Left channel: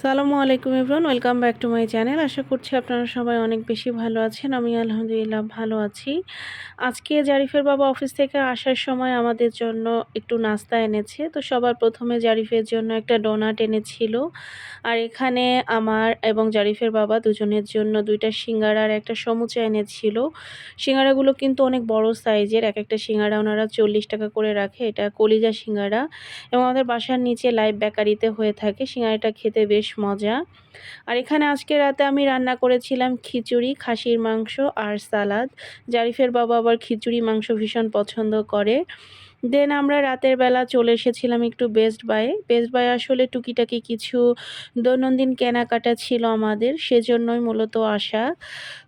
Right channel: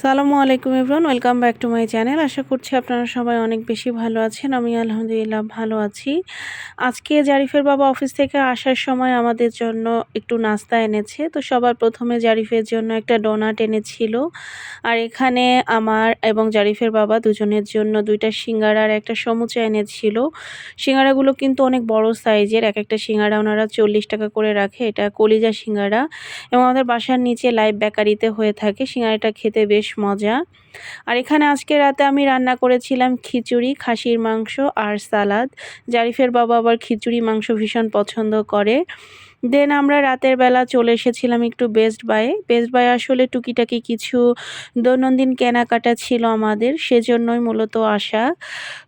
সালামু আলাইকুম everyone, welcome back to my channel. আশা করছি আপনারা সবাই অনেক বেশি ভালো আছেন। আমি আলহামদুলিল্লাহ ভালো আছি। আজকে জারিফের বাবা অফিস থেকে আসার সময় আমাদের জন্য একটু নাস্তা এনেছে। তো সবার প্রথমে জারিফের জন্য একটা ডোনাট এনেছিল। আর এখানে আমার এবং জারিফের বাবা দুজনের জন্য ২টা সিঙ্গারা আর একটা সমুচা এনেছিল। সিঙ্গারাগুলো কিন্তু অনেক বড় সাইজের। একেকটা সিঙ্গারা ওনারা ৳৪০ করে রাখে। এটা কলিজা সিঙ্গারা এবং আমাদের বাসার নিচে লাইভ বেকারিতে হয়ে থাকে। সিঙ্গারাটা খেতে বেশ মজা। আর এখানে আজকে রাতে আমি রান্না করেছিলাম খিচুড়ি, খাসির মাংস আর সালাদ। জারিফের বাবা আবার খিচুড়ি মাংস ভীষণ পছন্দ করে। দেন আমরা রাতের বেলা চলে এসেছিলাম একটু বেস্ট বায়ে। বেস্ট বায়ে আসলে টুকিটাকি কিছু দৈনন্দিন কেনাকাটা ছিল আমাদের, সেজন্যই মূলত আসা।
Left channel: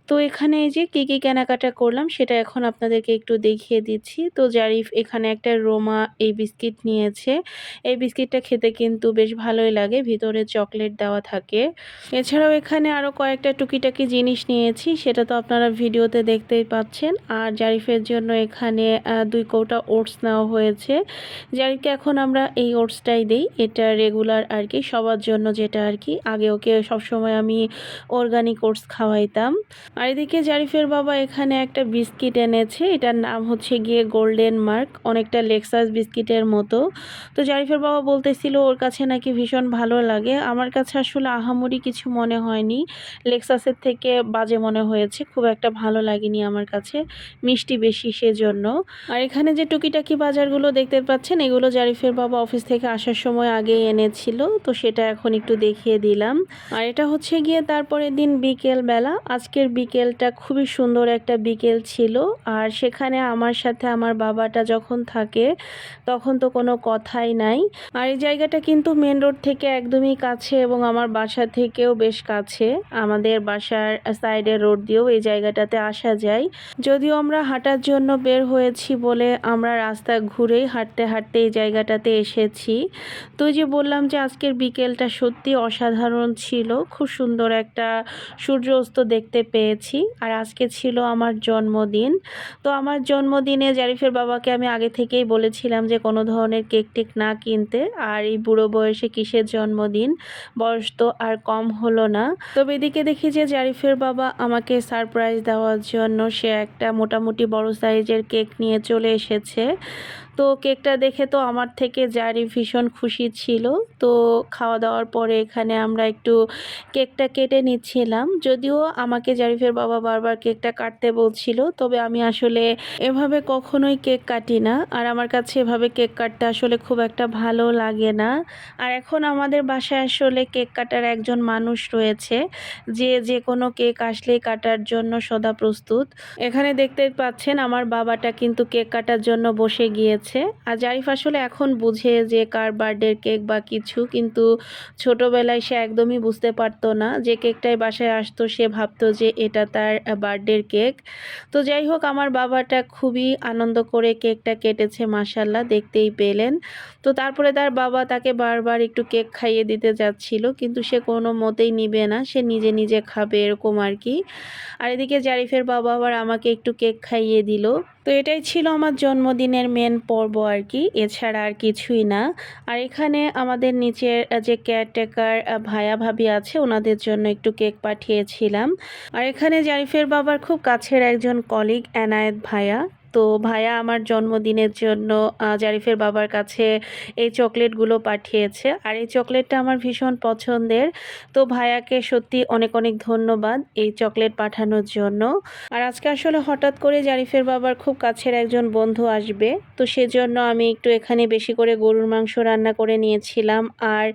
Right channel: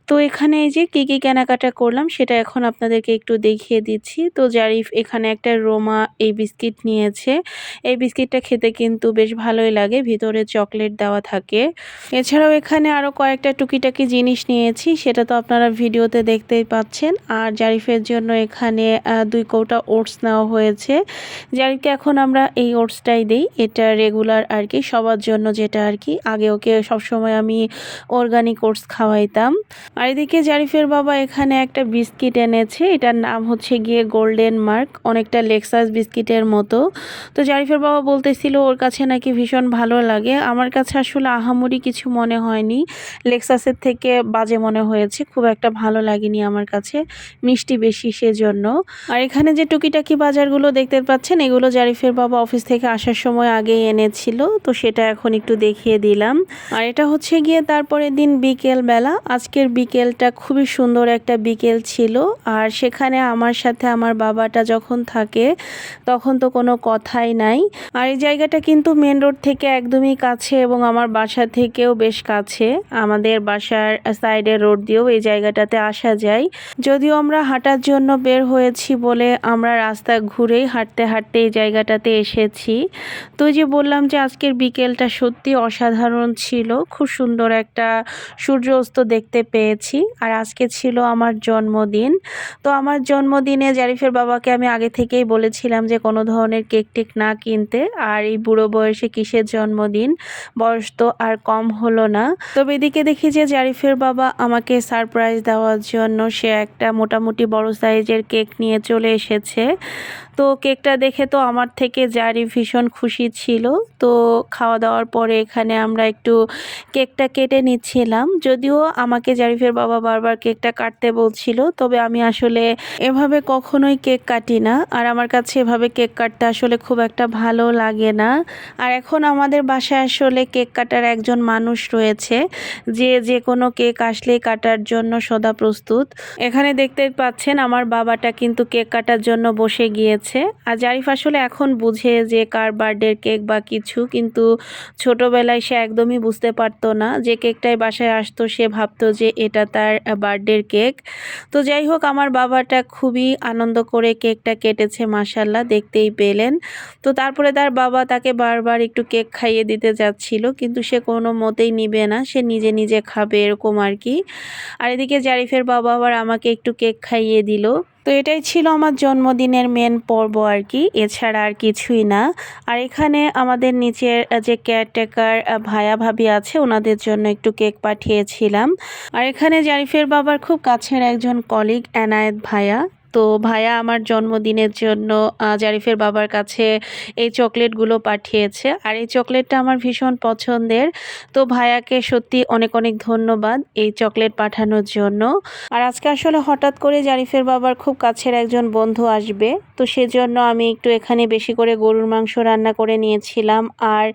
তো এখানে এই যে কী কেনাকাটা করলাম সেটা এখন আপনাদেরকে একটু দেখিয়ে দিচ্ছি। তো জারিফ এখানে একটা রোমা এই বিস্কিট নিয়েছে। এই বিস্কিটটা খেতে কিন্তু বেশ ভালোই লাগে, ভিতরে চকলেট দেওয়া থাকে। এছাড়াও এখানে আরও কয়েকটা টুকিটাকি জিনিস নিয়েছি, সেটা তো আপনারা ভিডিওতে দেখতেই পাচ্ছেন। আর জারিফের জন্য এখানে ২ কৌটা ওটস নেওয়া হয়েছে। জারিফকে এখন আমরা এই ওটসটাই দেই, এটা রেগুলার আর কি, সবার জন্য যেটা আর কি। আগে ওকে সবসময় আমি অর্গানিক ওটস খাওয়াইতাম। আর এদিকে জারিফের বাবা এখানে একটা বিস্কিট এনেছে, এটার নাম হচ্ছে গিয়ে গোল্ডেন মার্ক, অনেকটা লেক্সাস বিস্কিটের মতো। তো জারিফের বাবা বলতেছিল ওর কাছে নাকি ভীষণ ভালো লাগে। আমার কাছে আসলে আহামরি কিছু মনে হয়নি, লেক্সাসের থেকে বাজে মনে হয়েছে, খুব একটা ভালো লাগেনি আমার কাছে, মিষ্টি বেশি সেজন্য। আর এখানে যে টুকিটাকি বাজারগুলো দেখতে পাচ্ছেন এগুলো জারিফের বাবা অফিস থেকে আসার সময় আগেই এনেছিল, তো সেটা এখন একটু দেখিয়ে দিলাম। আর এটা হচ্ছে গিয়ে তারপরের দিন বিকেল বেলা। আজকের বিকেলটা খুবই সুন্দর একটা বিকেল ছিল। আর সেখানে আমার সাথে আমার বাবাটা যখন থাকে তখন তো কোনো কথাই নাই। আর এই জায়গাটা কিন্তু মেন রোড থেকে একদমই কাছে এবং আমার বাসা থেকেও বেশ কাছে। আমাদের বাসার সাইডের রোড দিয়েও এই জায়গাটাতে আসা যায়। যদিও আমরা হাঁটার জন্য বের হয়েছি বলে আমরা রাস্তা ঘুরেই হাঁটতে হাঁটতে এই জায়গাটাতে এসেছি। তো যে বললাম যে আজকের বিকেলটা সত্যি অসাধারণ ছিল, খুব সুন্দর একটা সূর্য অস্ত দেখতে পেয়েছি। আর আজকে ছিল আমার জন্মদিন। তো আমার জন্মদিনে জারিফের বাবাকে আমি আগে থেকেই বলেছিলাম যে কোনো ধরনের কেক টেক না কিনতে। আর এই বুড়ো বয়সে কিসের জন্মদিন, বয়স তো আর কম হলো না। তবে এদিকে দেখি যে জারিফের বাবা আমাকে সারপ্রাইজ দেওয়ার জন্য সে একটা মোটামুটি বড় সাইজের কেক নিয়ে চলে এসেছে। তো কেকটা দেখে তো আমার থেকে জারিফ ভীষণ খুশি ছিল। তো খাওয়া দাওয়ার পরে এখানে আমরা একটু কেকটা কেটে নিচ্ছিলাম। যদিও আমাকে জারিফের বাবা বারবার কেকটা কাটতে বলছিল, তবে আমি আসলে এভাবে কখনোই কেক কাটি না। আর আমার কাছে এভাবে কেক কাটতে আসলে খুব একটা ভালো লাগে না। আর এখন আমাদের বাসায় আসলে কেক কাটার একজন মানুষ রয়েছে, যে যে কোনো কেক আসলেই কাটার জন্য সদা প্রস্তুত। এখানে দেখতে পাচ্ছেন আমার বাবাটা কিন্তু কেক কাটার জন্য বসে গিয়েছে। আর জারিফ আসলে এখন বুঝে যে কার বার্থডের কেক বা কিছু, কিন্তু ছোটবেলায় সে একদমই বুঝতে পারতো না। যে কেকটাই বাসায় আসতো সে ভাবতো যে এটা তার বার্থডের কেক। তো যাই হোক, আমার বাবাটা খুবই আনন্দ করে কেকটা কেটেছে, মাশাল্লাহ, দেখতেই পেলেন। তো তারপরে তার বাবা তাকে বারবার একটু কেক খাইয়ে দিতে যাচ্ছিল, কিন্তু সে কোনো মতেই নিবে না, সে নিজে নিজে খাবে এরকম আর কি। আর এদিকে জারিফের বাবা আবার আমাকে একটু কেক খাইয়ে দিল। তো এটাই ছিল আমার জন্মদিনের মেন পর্ব আর কি, এছাড়া আর কিছুই না। আর এখানে আমাদের নিচের যে কেয়ারটেকার ভাইয়া ভাবি আছে ওনাদের জন্য একটু কেক পাঠিয়েছিলাম। আর এখানে জারিফের বাবার খুব কাছের একজন কলিগ এনায়েত ভাইয়া, তো ভাইয়া আমার জন্মদিনের জন্য জারিফের বাবার কাছে এই চকলেটগুলো পাঠিয়েছে। আর এই চকলেটটা আমার ভীষণ পছন্দের। তো ভাইয়াকে সত্যি অনেক অনেক ধন্যবাদ এই চকলেট পাঠানোর জন্য। আর আজকে আসলে হঠাৎ করে জারিফের বাবার খুব কাছের একজন বন্ধু আসবে, তো সেজন্য আমি একটু এখানে বেশি করে গরুর মাংস রান্না করে নিয়েছিলাম আর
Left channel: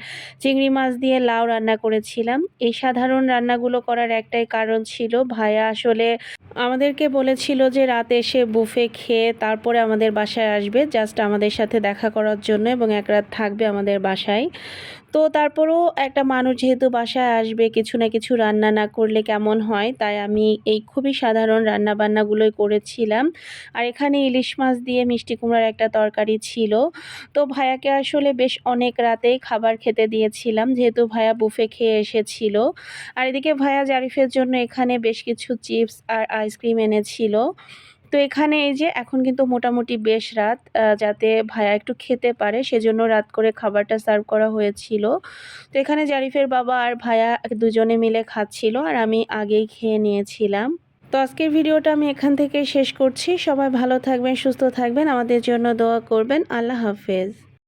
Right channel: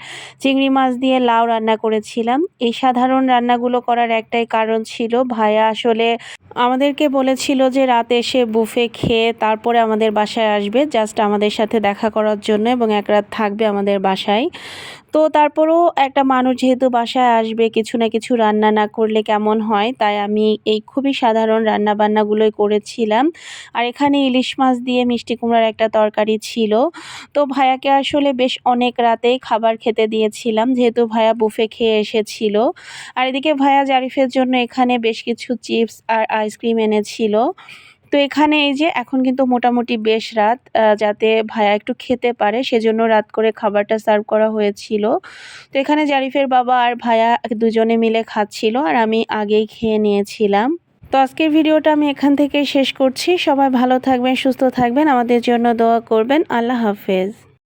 চিংড়ি মাছ দিয়ে লাউ রান্না করেছিলাম। এই সাধারণ রান্নাগুলো করার একটাই কারণ ছিল, ভাইয়া আসলে আমাদেরকে বলেছিল যে রাতে এসে বুফে খেয়ে তারপরে আমাদের বাসায় আসবে, জাস্ট আমাদের সাথে দেখা করার জন্য এবং এক রাত থাকবে আমাদের বাসায়। তো তারপরেও একটা মানুষ যেহেতু বাসায় আসবে, কিছু না কিছু রান্না না করলে কেমন হয়, তাই আমি এই খুবই সাধারণ রান্না বান্নাগুলোই করেছিলাম। আর এখানে ইলিশ মাছ দিয়ে মিষ্টি কুমড়ার একটা তরকারি ছিল। তো ভাইয়াকে আসলে বেশ অনেক রাতেই খাবার খেতে দিয়েছিলাম, যেহেতু ভাইয়া বুফে খেয়ে এসেছিল। আর এদিকে ভাইয়া জারিফের জন্য এখানে বেশ কিছু চিপস আর আইসক্রিম এনেছিল। তো এখানে এই যে এখন কিন্তু মোটামুটি বেশ রাত, যাতে ভাইয়া একটু খেতে পারে সেজন্য রাত করে খাবারটা সার্ভ করা হয়েছিল। তো এখানে জারিফের বাবা আর ভাইয়া দুজনে মিলে খাচ্ছিল আর আমি আগেই খেয়ে নিয়েছিলাম। তো আজকের ভিডিওটা আমি এখান থেকেই শেষ করছি। সবাই ভালো থাকবেন, সুস্থ থাকবেন, আমাদের জন্য দোয়া করবেন। আল্লাহ হাফেজ।